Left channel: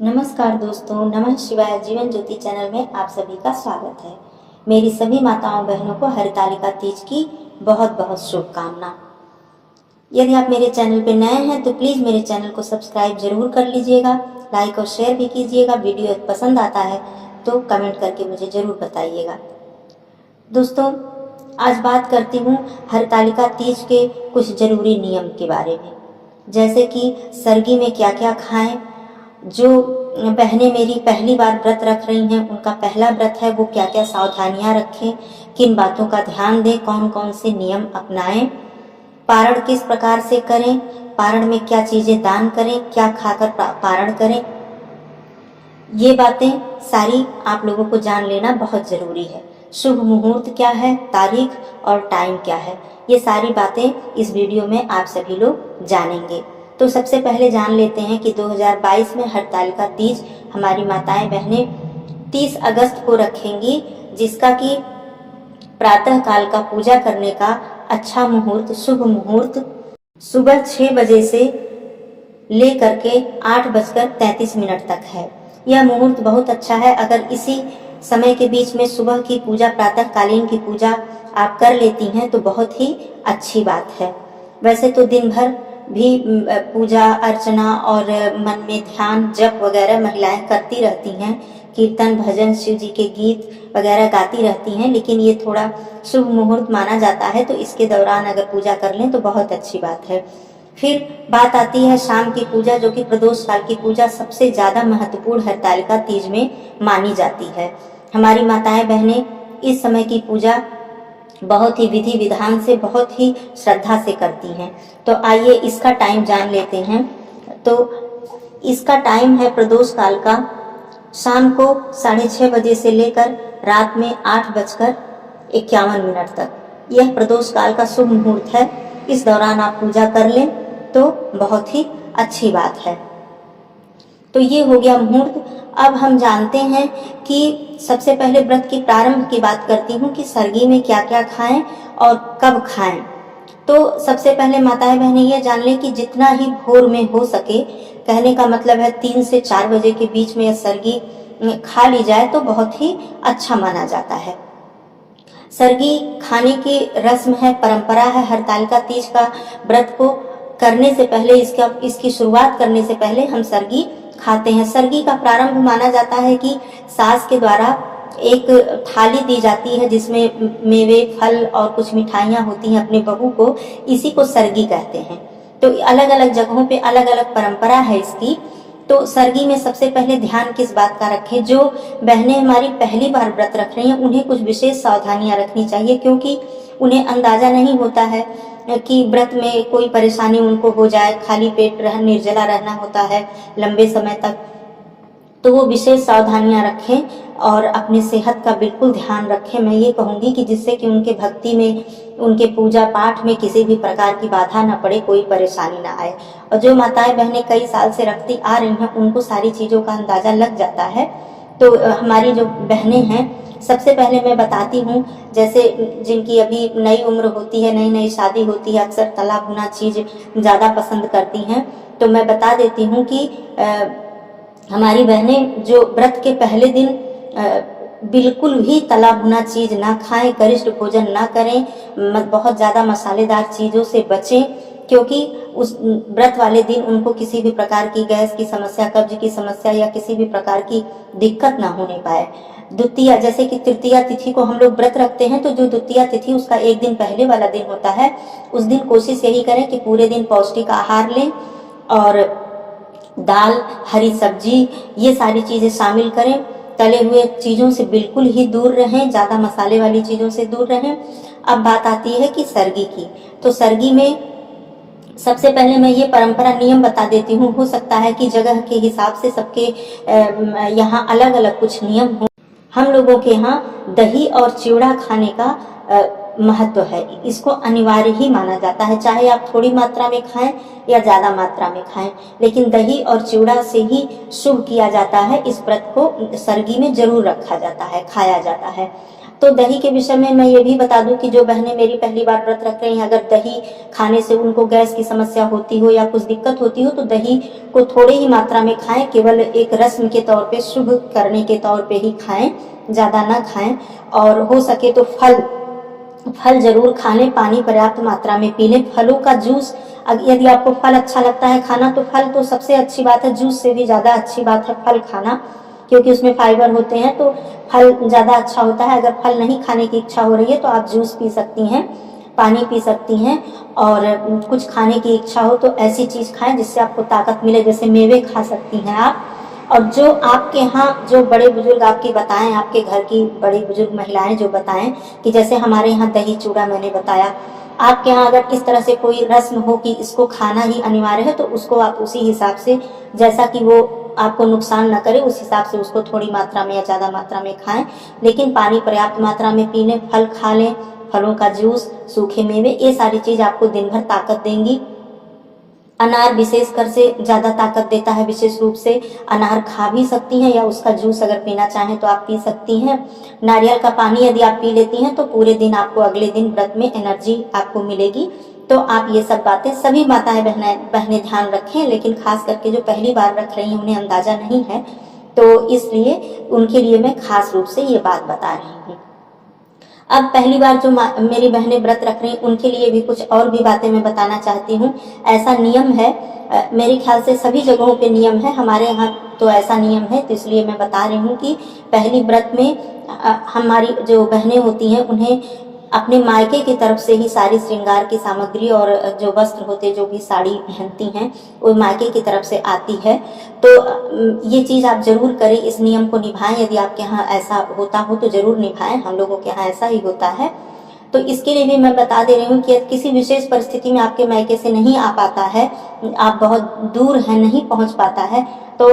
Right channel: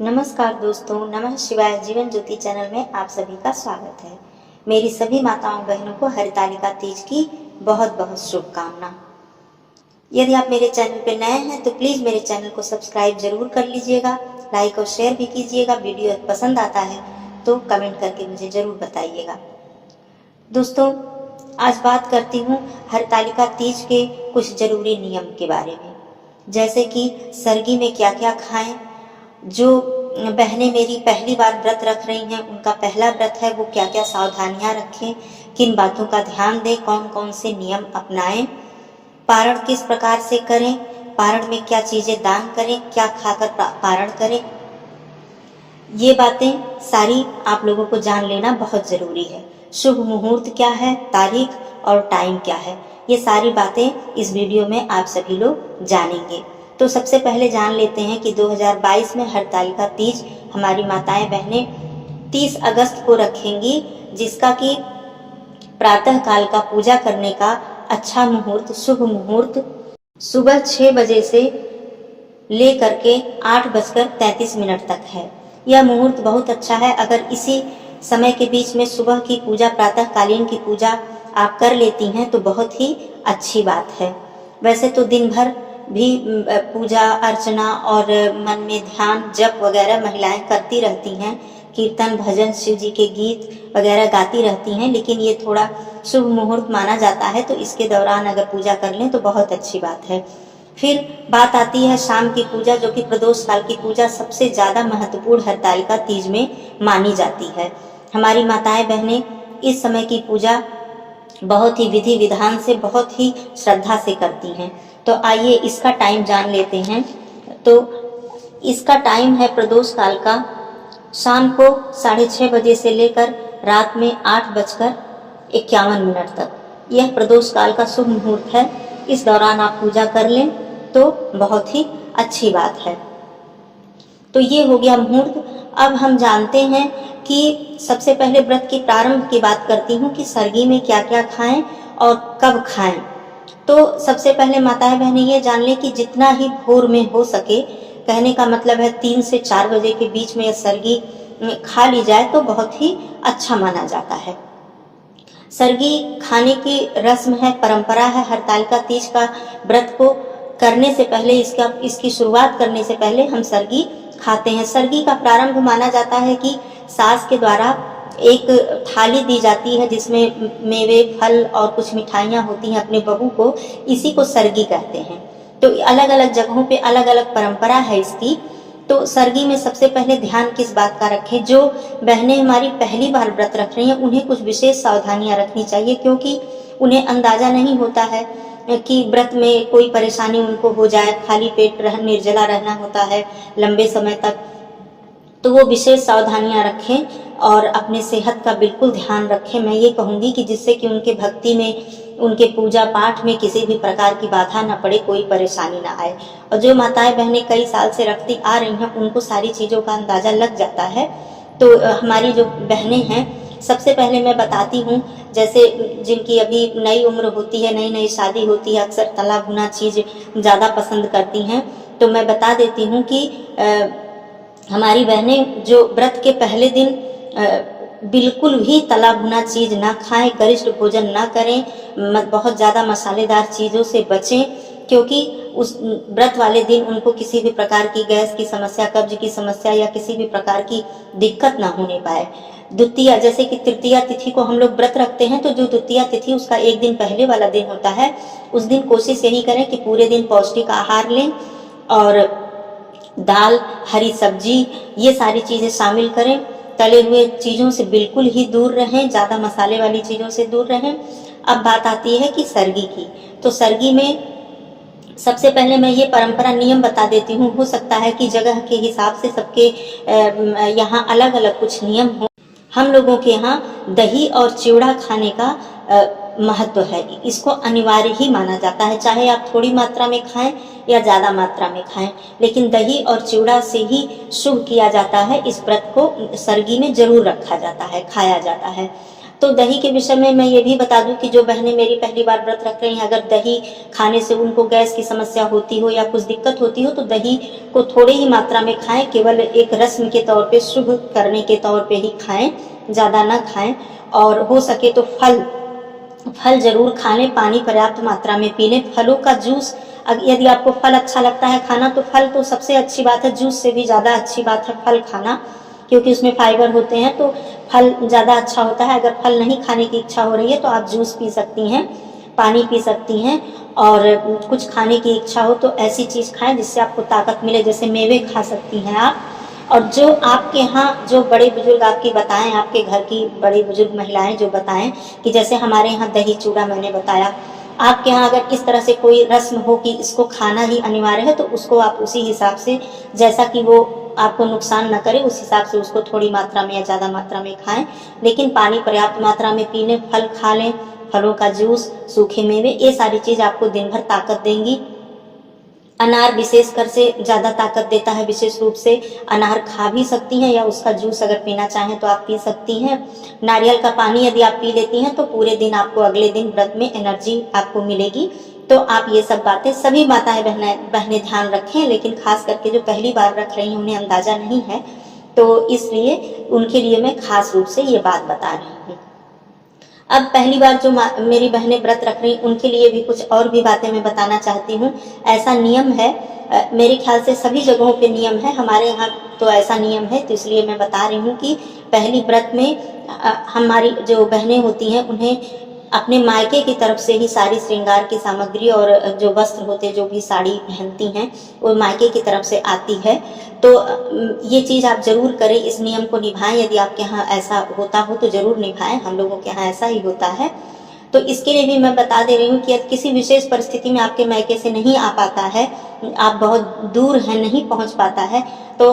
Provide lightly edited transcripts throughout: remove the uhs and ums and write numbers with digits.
नमस्कार दोस्तों, नमः शिवाय जीवन ज्योति चैनल में आप सभी का स्वागत है। मेरी सभी माताओं बहनों को हरतालिका तीज की बहुत बहुत शुभकामना। यदि आप मेरे चैनल पर नए हैं तो प्लीज़ मेरे चैनल को सब्सक्राइब जरूर कर लीजिएगा, लाइक और शेयर भी कीजिएगा। वीडियो पसंद आता है तो कमेंट करके मुझे ज़रूर बताइएगा। दोस्तों, आज बात करती हूँ हरतालिका तीज के कुछ ज़रूरी नियम के बारे में, जैसे कि सरगी में क्या क्या खाएं। जो बहनें मेरी पहली बार व्रत रख रही हैं, उनका पहला व्रत है, वो क्या क्या सावधानियां रखें, किन बातों का ध्यान दें, कौन कौन से नियम अपनाएं, पारण किस प्रकार से करें, पारण में क्या चीज़ें दान करें, क्या खाकर पारण करें, ये बातें सारी आप लोगों को जान लेना बहुत ज़रूरी है। शुभ मुहूर्त क्या है, तारीख और टाइम क्या है, ये सारी बातें इस वीडियो में आप सभी लोग जानेंगे। तो सबसे पहले जान लेते हैं कि 2022 में हरतालिका तीज हमारी माताएं बहनें 30 अगस्त को रखेंगी, जिसका कि प्रातः काल का पूजा करने का अच्छा मुहूर्त, शुभ मुहूर्त सुबह 6 बजे से लेकर के 8:33 तक है। यह मुहूर्त बहुत अच्छा है। अगर इसी समय के बीच में सुबह की पूजा, प्रातः कालीन की पूजा आप कर लेती हैं तो बहुत ही अच्छी बात है। वैसे तो दिन भर भी पूजा अर्चना और मन में ध्यान जप वगैरह महिलाएं करती रहती हैं, कीर्तन भजन शिव जी के गीत वगैरह गाती रहती हैं, लेकिन ये थोड़ा शुभ मुहूर्त माना जाता है, तो इसके दौरान अगर पूजा कर लें तो बहुत अच्छी बात है। फिर बात आती है शाम की पूजा, जो कि प्रदोष काल की पूजा सबसे ज़्यादा महत्वपूर्ण हरतालिका तीज में मानी जाती है। हमारी माताएं बहनें इस समय की पूजा बहुत ही विधि विधान से, बहुत ही श्रद्धा से करती हैं। तो आइए इसका टाइम जान लेते हैं। तो इसका टाइम है प्रदोष काल का शाम को 6:30 बजे से लेकर रात में 8:51 तक। यह प्रदोष काल का शुभ मुहूर्त है। इस दौरान आप पूजा कर लें तो बहुत ही अच्छी बात है। तो ये हो गया मुहूर्त। अब हम जानते हैं कि सबसे पहले व्रत की प्रारंभ की बात करती हूँ कि सरगी में क्या क्या खाएं और कब खाएं। तो सबसे पहले माताएं बहनें ये जान लें कि जितना ही भोर में हो सके, कहने का मतलब है 3 से 4 बजे के बीच में यह सरगी खा ली जाए तो बहुत ही अच्छा माना जाता है। सरगी खाने की रस्म है, परंपरा है। हरतालिका तीज का व्रत को करने से पहले, इसकी शुरुआत करने से पहले हम सरगी खाते हैं। सरगी का प्रारंभ माना जाता है कि सास के द्वारा एक थाली दी जाती है जिसमें मेवे फल और कुछ मिठाइयाँ होती हैं अपने बहू को, इसी को सरगी कहते हैं। तो अलग अलग जगहों पे अलग अलग परंपरा है इसकी। तो सरगी में सबसे पहले ध्यान किस बात का रखें, जो बहनें हमारी पहली बार व्रत रख रही हैं उन्हें कुछ विशेष सावधानियां रखनी चाहिए, क्योंकि उन्हें अंदाजा नहीं होता है कि व्रत में कोई परेशानी उनको हो जाए, खाली पेट निर्जला रहना होता है लंबे समय तक। तो वो विशेष सावधानियां रखें और अपने सेहत का बिल्कुल ध्यान रखें। मैं ये कहूँगी कि जिससे कि उनके भक्ति में, उनके पूजा पाठ में किसी भी प्रकार की बाधा न पड़े, कोई परेशानी ना आए। और जो माताएं बहनें कई साल से रखती आ रही हैं उनको सारी चीज़ों का अंदाज़ा लग जाता है। तो हमारी जो बहनें हैं, सबसे पहले मैं बताती हूँ, जैसे जिनकी अभी नई उम्र होती है, नई नई शादी होती है, अक्सर तला भुना चीज़ ज़्यादा पसंद करती हैं। तो मैं बता देती हूँ कि हमारी बहनें जो व्रत के पहले दिन बिल्कुल भी तला भुना चीज़ ना खाएं, गरिष्ठ भोजन ना करें, बहुत ज़्यादा मसालेदार चीज़ों से बचें, क्योंकि उस व्रत वाले दिन उनको किसी भी प्रकार की गैस की समस्या, कब्ज की समस्या या किसी भी प्रकार की दिक्कत ना होने पाए। द्वितीया, जैसे कि तृतीया तिथि को हम लोग व्रत रखते हैं, तो जो द्वितीया तिथि उसका एक दिन पहले वाला दिन होता है, उस दिन कोशिश यही करें कि पूरे दिन पौष्टिक आहार लें और दाल, हरी सब्जी, ये सारी चीज़ें शामिल करें। तले हुए चीज़ों से बिल्कुल ही दूर रहें, ज़्यादा मसाले वाली चीज़ों से दूर रहें। अब बात आती है कि सरगी की। तो सरगी में सबसे पहले मैं ये परंपरा नियम बता देती हूँ। हो सकता है कि जगह के हिसाब से सबके यहाँ अलग अलग कुछ नियम हो। हम लोगों के यहाँ दही और चिवड़ा खाने का महत्व है, इसको अनिवार्य ही माना जाता है। चाहे आप थोड़ी मात्रा में खाएं या ज़्यादा मात्रा में खाएं, लेकिन दही और चिवड़ा से ही शुभ किया जाता है। इस व्रत को सरगी में जरूर रखा जाता है, खाया जाता है। तो दही के विषय में मैं ये भी बता दूं कि जो बहनें मेरी पहली बार व्रत रख रही हैं, अगर दही खाने से उनको गैस की समस्या होती हो या कुछ दिक्कत होती हो तो दही को थोड़े ही मात्रा में खाएं, केवल एक रस्म के तौर पे, शुभ करने के तौर पे ही खाएं, ज़्यादा ना खाएं। और हो सके तो फल जरूर खा लें, पानी पर्याप्त मात्रा में पी लें। फलों का जूस, यदि आपको फल अच्छा लगता है खाना तो फल तो सबसे अच्छी बात है, जूस से भी ज़्यादा अच्छी बात है फल खाना, क्योंकि उसमें फाइबर होते हैं तो फल ज़्यादा अच्छा होता है। अगर फल नहीं खाने की इच्छा हो रही है तो आप जूस पी सकती हैं, पानी पी सकती हैं, और कुछ खाने की इच्छा हो तो ऐसी चीज़ खाएं जिससे आपको ताकत मिले, जैसे मेवे खा सकती हैं आप। और जो आपके यहाँ जो बड़े बुजुर्ग आपकी बताएं, आपके घर की बड़ी बुजुर्ग महिलाएं जो बताएं कि जैसे हमारे यहाँ दही चूड़ा मैंने बताया, आपके यहाँ अगर इस तरह से कोई रस्म हो कि इसको खाना ही अनिवार्य है तो उसको आप उसी हिसाब से, जैसा कि वो आपको नुकसान न करे उस हिसाब से उसको थोड़ी मात्रा में या ज़्यादा मात्रा में खाएं, लेकिन पानी पर्याप्त मात्रा में पी लें, फल खा लें, फलों का जूस, सूखे मेवे, ये सारी चीज़ आपको दिन भर ताकत देंगी। अनार विशेषकर से ज़्यादा ताकत देता है, विशेष रूप से अनार खा भी सकती हैं या उसका जूस अगर पीना चाहें तो आप पी सकती हैं। नारियल का पानी यदि आप पी लेती हैं तो पूरे दिन आपको, अगले दिन व्रत में एनर्जी आपको मिलेगी। तो आप ये सब बातें सभी माताएं बहनें ध्यान रखें, लेकिन खास करके जो पहली बार रख रही हैं उन्हें अंदाज़ा नहीं है, तो इसलिए उनके लिए मैं खास रूप से ये बात बता रही हूँ। अब पहली बार जो मेरी बहनें व्रत रख रही उनके लिए भी कुछ और भी बातें मैं बताना चाहती हूँ। ऐसा नियम है, मेरे ख्याल से सभी जगहों पे नियम है, हमारे यहाँ तो ऐसा नियम है, तो इसलिए मैं बता रही हूँ कि पहली व्रत में हमारी जो बहनें होती हैं उन्हें अपने मायके की तरफ से ही सारी श्रृंगार की सामग्री और जो वस्त्र होते, जो भी साड़ी पहनती हैं वो मायके की तरफ से आती है। तो ये चीज़ आप जरूर करें, इस नियम को निभाएं, यदि आपके यहाँ ऐसा होता हो तो जरूर निभाएं, हम लोगों के यहाँ ऐसा ही होता है। तो इसके लिए भी मैं बता दे रही हूँ कि यदि किसी विशेष परिस्थिति में आपके मायके से नहीं आ पाता है, आप बहुत दूर हैं, नहीं पहुँच पाता है, तो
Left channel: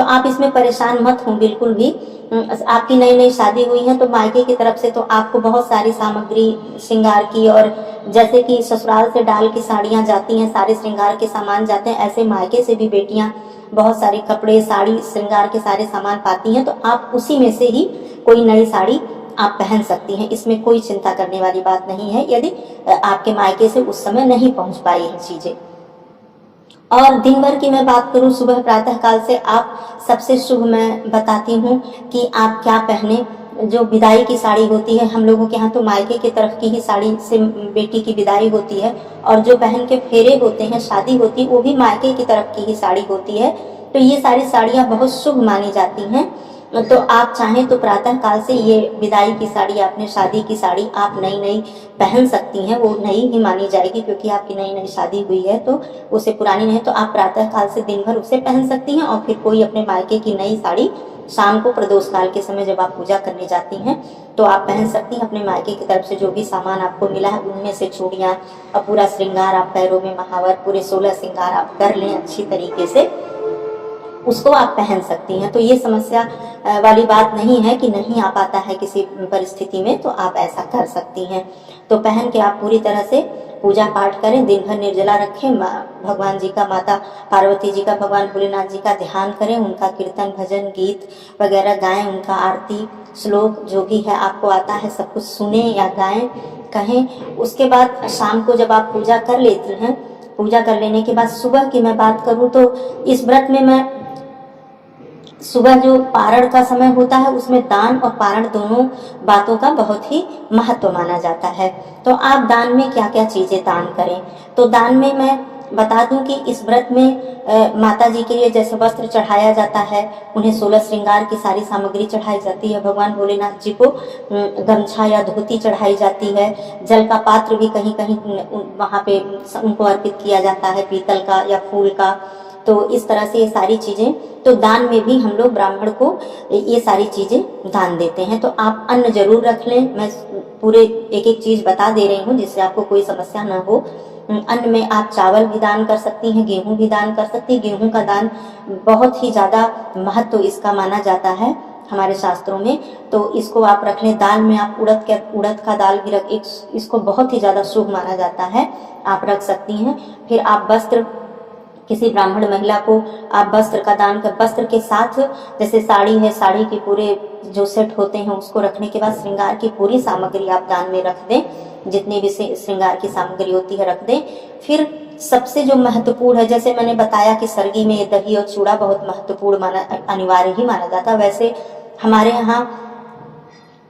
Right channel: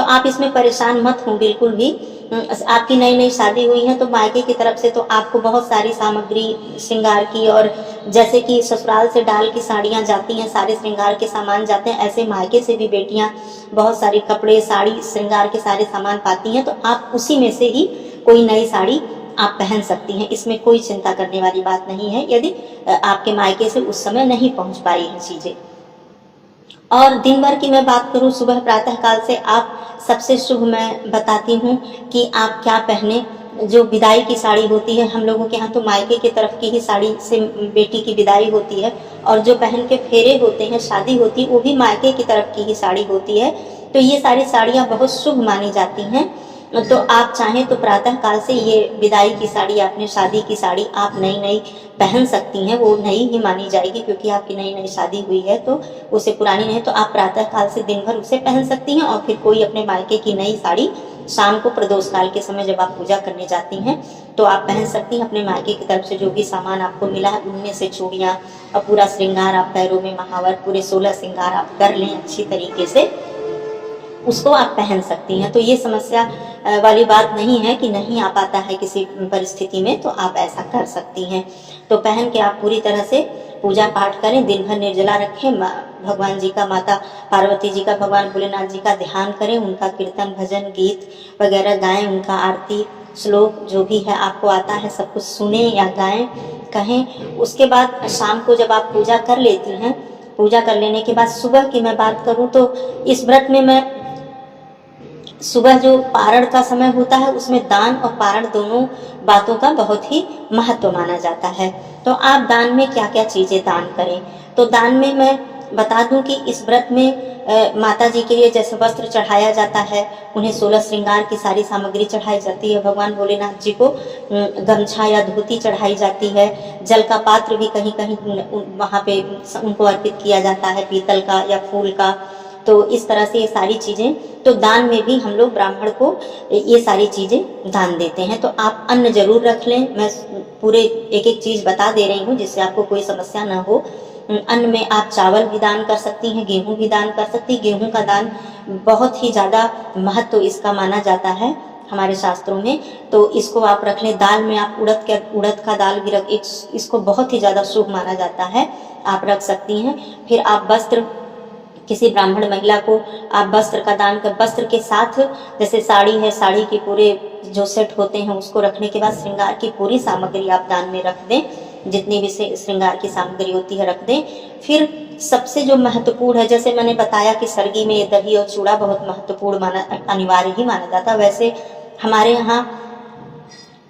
आप इसमें परेशान मत हों बिल्कुल भी। आपकी नई नई शादी हुई है तो मायके की तरफ से तो आपको बहुत सारी सामग्री श्रृंगार की, और जैसे कि ससुराल से डाल की साड़ियाँ जाती हैं, सारे श्रृंगार के सामान जाते हैं, ऐसे मायके से भी बेटियाँ बहुत सारे कपड़े, साड़ी, श्रृंगार के सारे सामान पाती हैं, तो आप उसी में से ही कोई नई साड़ी आप पहन सकती हैं, इसमें कोई चिंता करने वाली बात नहीं है यदि आपके मायके से उस समय नहीं पहुंच पाई है चीज़ें। और दिन भर की मैं बात करूं, सुबह प्रातः काल से आप सबसे शुभ मैं बताती हूं कि आप क्या पहने। जो विदाई की साड़ी होती है, हम लोगों के यहाँ तो मायके की तरफ की ही साड़ी से बेटी की विदाई होती है, और जो बहन के फेरे होते हैं, शादी होती है, वो भी मायके की तरफ की ही साड़ी होती है। तो ये सारी साड़ियाँ बहुत शुभ मानी जाती हैं। तो आप चाहें तो प्रातः काल से ये विदाई की साड़ी, आपने शादी की साड़ी आप नई नई पहन सकती हैं, वो नई ही मानी जाएगी क्योंकि आपकी नई नई शादी हुई है, तो उसे पुरानी नहीं, तो आप प्रातः काल से दिन भर उसे पहन सकती हैं। और फिर कोई अपने मायके की नई साड़ी शाम को प्रदोष काल के समय जब आप पूजा करने जाती हैं तो आप पहन सकती हैं। अपने मायके की तरफ से जो भी सामान आपको मिला है उनमें से चूड़ियाँ और पूरा श्रृंगार, आप पैरों में महावर, पूरे 16 श्रृंगार आप कर लें अच्छी तरीके से, उसको आप पहन सकती हैं। तो ये समस्या वाली बात नहीं है कि नहीं आ पाता है किसी परिस्थिति में, तो आप ऐसा कर सकती हैं। तो पहन के आप पूरी तरह से पूजा पाठ करें, दिन भर निर्जला रखें, भगवान जी का, माता पार्वती जी का, भगवान भोलेनाथ जी का ध्यान करें, उनका कीर्तन, भजन, गीत वगैरह गाएं, उनका आरती, श्लोक जो भी है आपको आता है सब कुछ सुने या गाएं, कहें। उसके बाद शाम को जब आप पूजा कर लेती हैं, पूजा कर लेने के बाद सुबह की मैं बात करूं तो इस व्रत में मैं सुबह जो पारण का समय होता है उसमें दान और पारण दोनों बातों का बहुत ही महत्व माना जाता है। तो आप दान में क्या क्या चीज़ें दान करें, तो दान में मैं बता दूं कि इस व्रत में माता जी के लिए जैसे वस्त्र चढ़ाया जाता है, उन्हें 16 श्रृंगार की सारी सामग्री चढ़ाई जाती है, भगवान भोलेनाथ जी को गमछा या धोती चढ़ाई जाती है, जल का पात्र भी कहीं कहीं वहाँ पे उनको अर्पित किया जाता है, पीतल का या फूल का। तो इस तरह से ये सारी चीज़ें, तो दान में भी हम लोग ब्राह्मण को ये सारी चीज़ें दान देते हैं। तो आप अन्न जरूर रख लें, मैं पूरे एक एक चीज़ बता दे रही हूँ जिससे आपको कोई समस्या ना हो। अन्न में आप चावल भी दान कर सकती हैं, गेहूं भी दान कर सकती हैं। गेहूं का दान बहुत ही ज़्यादा महत्व इसका माना जाता है हमारे शास्त्रों में, तो इसको आप रख लें। दाल में आप उड़द का दाल भी इसको बहुत ही ज़्यादा शुभ माना जाता है, आप रख सकती हैं। फिर आप वस्त्र किसी ब्राह्मण महिला को आप वस्त्र का दान कर, वस्त्र के साथ जैसे साड़ी है, साड़ी के पूरे जो सेट होते हैं उसको रखने के बाद श्रृंगार की पूरी सामग्री आप दान में रख दें, जितनी भी श्रृंगार की सामग्री होती है रख दें। फिर सबसे जो महत्वपूर्ण है, जैसे मैंने बताया कि सरगी में दही और चूड़ा बहुत महत्वपूर्ण माना, अनिवार्य ही माना जाता है, वैसे हमारे यहाँ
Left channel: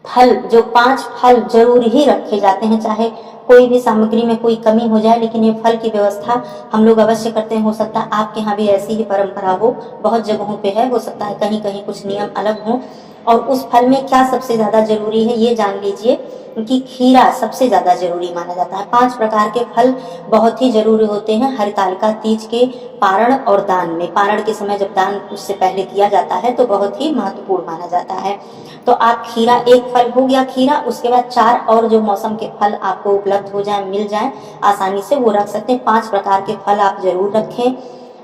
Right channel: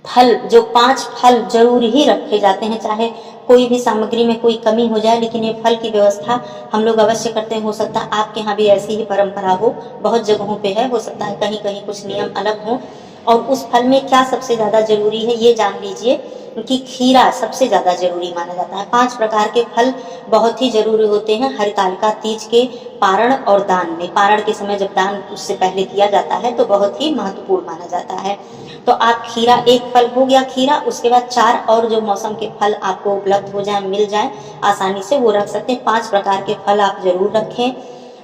फल, जो 5 फल जरूर ही रखे जाते हैं, चाहे कोई भी सामग्री में कोई कमी हो जाए, लेकिन ये फल की व्यवस्था हम लोग अवश्य करते हैं। हो सकता है आपके यहाँ भी ऐसी ही परंपरा हो, बहुत जगहों पे है, हो सकता है कहीं कहीं कुछ नियम अलग हो। और उस फल में क्या सबसे ज़्यादा जरूरी है ये जान लीजिए कि खीरा सबसे ज़्यादा जरूरी माना जाता है। 5 प्रकार के फल बहुत ही जरूरी होते हैं हरितालिका तीज के पारण और दान में। पारण के समय जब दान उससे पहले किया जाता है तो बहुत ही महत्वपूर्ण माना जाता है। तो आप खीरा, एक फल हो गया खीरा, उसके बाद 4 और जो मौसम के फल आपको उपलब्ध हो जाए, मिल जाए आसानी से, वो रख सकते हैं। 5 प्रकार के फल आप जरूर रखें।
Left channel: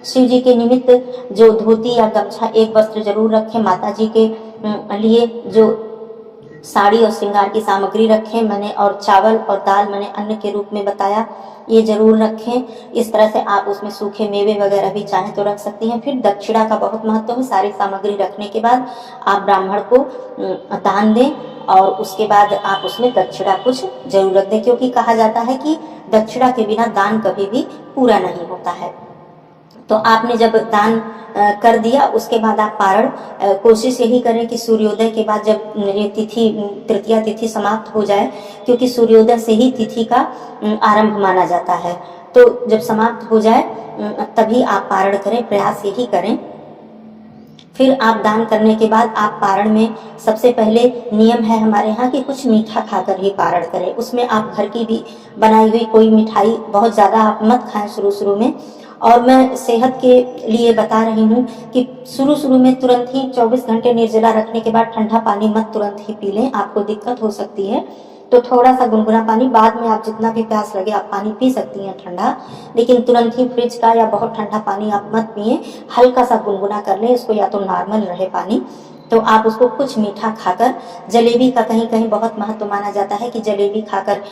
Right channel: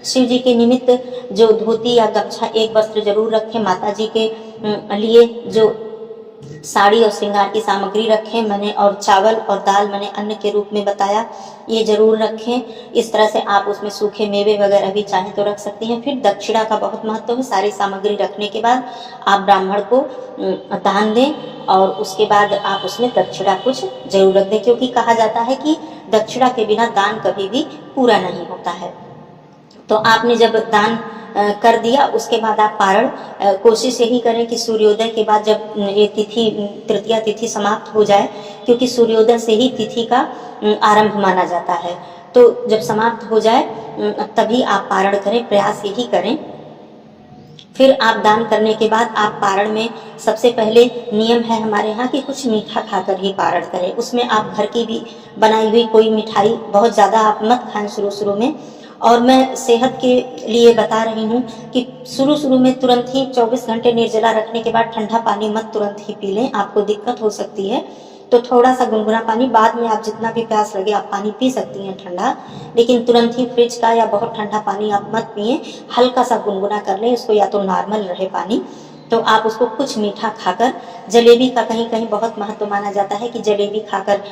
शिव जी के निमित्त जो धोती या गमछा, एक वस्त्र जरूर रखें। माता जी के लिए जो साड़ी और श्रृंगार की सामग्री रखें मैंने, और चावल और दाल मैंने अन्न के रूप में बताया, ये जरूर रखें। इस तरह से आप उसमें सूखे मेवे वगैरह भी चाहें तो रख सकती हैं। फिर दक्षिणा का बहुत महत्व है। सारी सामग्री रखने के बाद आप ब्राह्मण को दान दें और उसके बाद आप उसमें दक्षिणा कुछ जरूर रख दें, क्योंकि कहा जाता है कि दक्षिणा के बिना दान कभी भी पूरा नहीं होता है। तो आपने जब दान कर दिया, उसके बाद आप पारण, कोशिश यही करें कि सूर्योदय के बाद जब ये तिथि, तृतीया तिथि समाप्त हो जाए, क्योंकि सूर्योदय से ही तिथि का आरंभ माना जाता है, तो जब समाप्त हो जाए तभी आप पारण करें, प्रयास यही करें। फिर आप दान करने के बाद आप पारण में सबसे पहले नियम है हमारे यहाँ कि कुछ मीठा खाकर ही पारण करें। उसमें आप घर की भी बनाई हुई कोई मिठाई बहुत ज़्यादा आप मत खाएं शुरू में। और मैं सेहत के लिए बता रही हूँ कि शुरू में तुरंत ही 24 घंटे निर्जला रखने के बाद ठंडा पानी मत तुरंत ही पी लें, आपको दिक्कत हो सकती है। तो थोड़ा सा गुनगुना पानी, बाद में आप जितना भी प्यास लगे आप पानी पी सकती हैं ठंडा, लेकिन तुरंत ही फ्रिज का या बहुत ठंडा पानी आप मत पिए, हल्का सा गुनगुना कर लें इसको, या तो नॉर्मल रहे पानी। तो आप उसको कुछ मीठा खाकर, जलेबी का कहीं कहीं बहुत महत्व माना जाता है कि जलेबी खाकर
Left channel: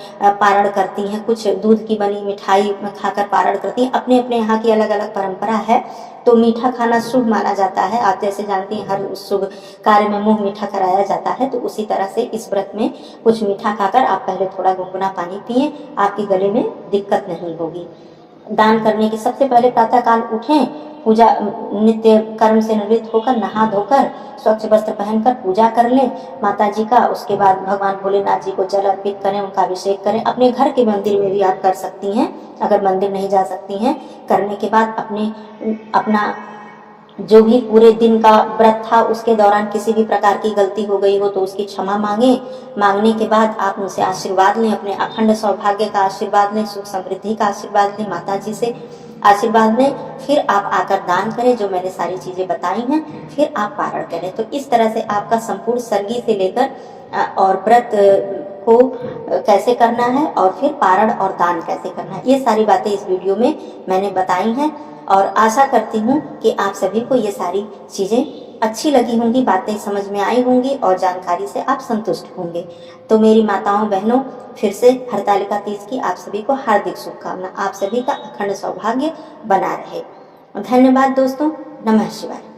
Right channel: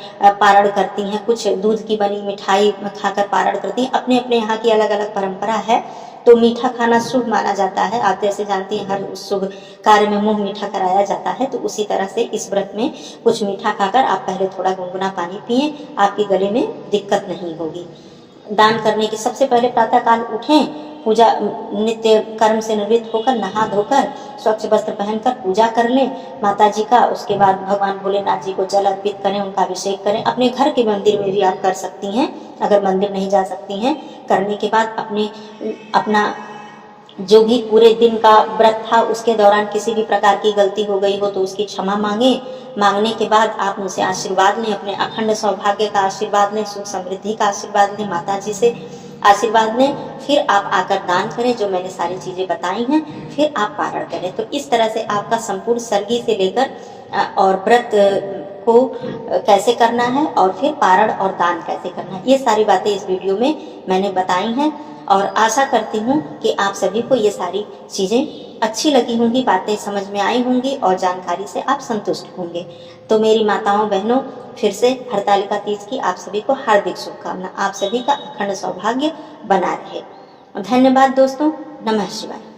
पारण करती हैं, कुछ दूध की बनी मिठाई खाकर पारण करती हैं। अपने अपने यहाँ की अलग अलग परंपरा है। तो मीठा खाना शुभ माना जाता है, आप जैसे जानती हैं हर शुभ कार्य में मुंह मीठा कराया जाता है, तो उसी तरह से इस व्रत में कुछ मीठा खाकर आप पहले थोड़ा गुनगुना पानी पिए, आपके गले में दिक्कत नहीं होगी। दान करने के सबसे पहले प्रातःकाल उठें, पूजा नित्य कर्म से निवृत्त होकर नहा धोकर स्वच्छ वस्त्र पहनकर पूजा कर लें माता जी का। उसके बाद भगवान भोलेनाथ जी को जल अर्पित करें, उनका अभिषेक करें। अपने घर के मंदिर में भी आप कर सकती हैं, अगर मंदिर नहीं जा सकती हैं। करने के बाद अपना जो भी पूरे दिन का व्रत था उसके दौरान किसी भी प्रकार की गलती हो गई हो तो उसकी क्षमा मांगने के बाद आप उनसे आशीर्वाद लें, अपने अखंड सौभाग्य का आशीर्वाद लें, सुख समृद्धि का आशीर्वाद लें, माता जी से आशीर्वाद लें। फिर आप आकर दान करें, जो मैंने सारी चीजें बताई हैं, फिर आप पारण करें। तो इस तरह से आपका संपूर्ण सरगी से लेकर और व्रत को कैसे करना है और फिर पारण और दान कैसे करना है, ये सारी बातें इस वीडियो में मैंने बताई हैं। और आशा करती हूँ कि आप सभी को ये सारी चीज़ें अच्छी लगी होंगी, बातें समझ में आई होंगी और जानकारी से आप संतुष्ट होंगे। तो मेरी माताओं बहनों, फिर से हरतालिका तीज की आप सभी को हार्दिक शुभकामना। आप सभी का अखंड सौभाग्य बना रहे। धन्यवाद दोस्तों। नमः शिवाय।